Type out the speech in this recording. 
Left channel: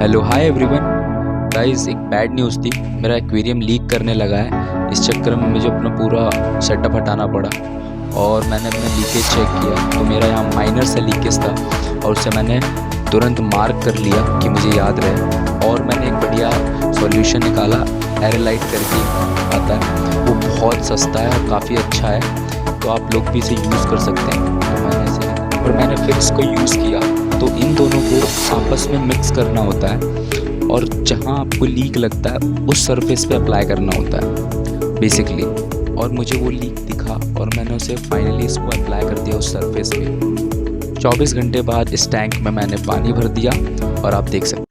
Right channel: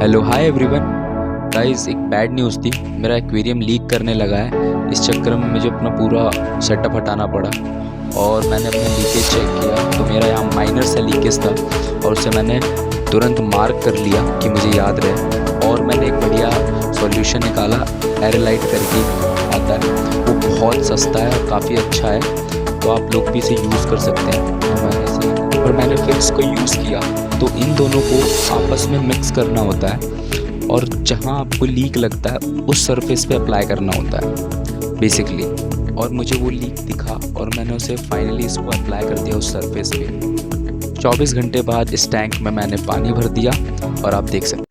Hello hi everyone. Guys एक bad news थी, मेरा एक्वेरियम लीक करने लगा है। इस चक्कर में मुझे अपना पूरा सेटअप हटाना पड़ा और मैंने अपना लीकेज चेक किया तो मेरा यहाँ माइनर सा लीकेज था और उसे मैंने तुरंत मार्क कर लिया कि मुझे याद रहे। और मैंने एक बढ़िया सॉल्यूशन निकाला, एरेलाइट करके आता है, वो बहुत सस्ता है और काफ़ी अच्छा है, तो आप लोग भी इसे यूज़ कर सकते हैं। तो मैंने इसे निकाला और मैंने फिर इसको यूज़ किया। तो इन दोनों को आपस में मिक्स करना होता है और जहाँ आपको लीक लगता है उस सरफेस पे अप्लाई करना होता है बेसिकली। और मुझे वो लीक दिखा और मैंने उसे फाइनली इसको अप्लाई कर दिया उस सरफेस पे। 24 घंटे बाद इस टैंक में मैंने पानी भर दिया और आप देख सकते हैं।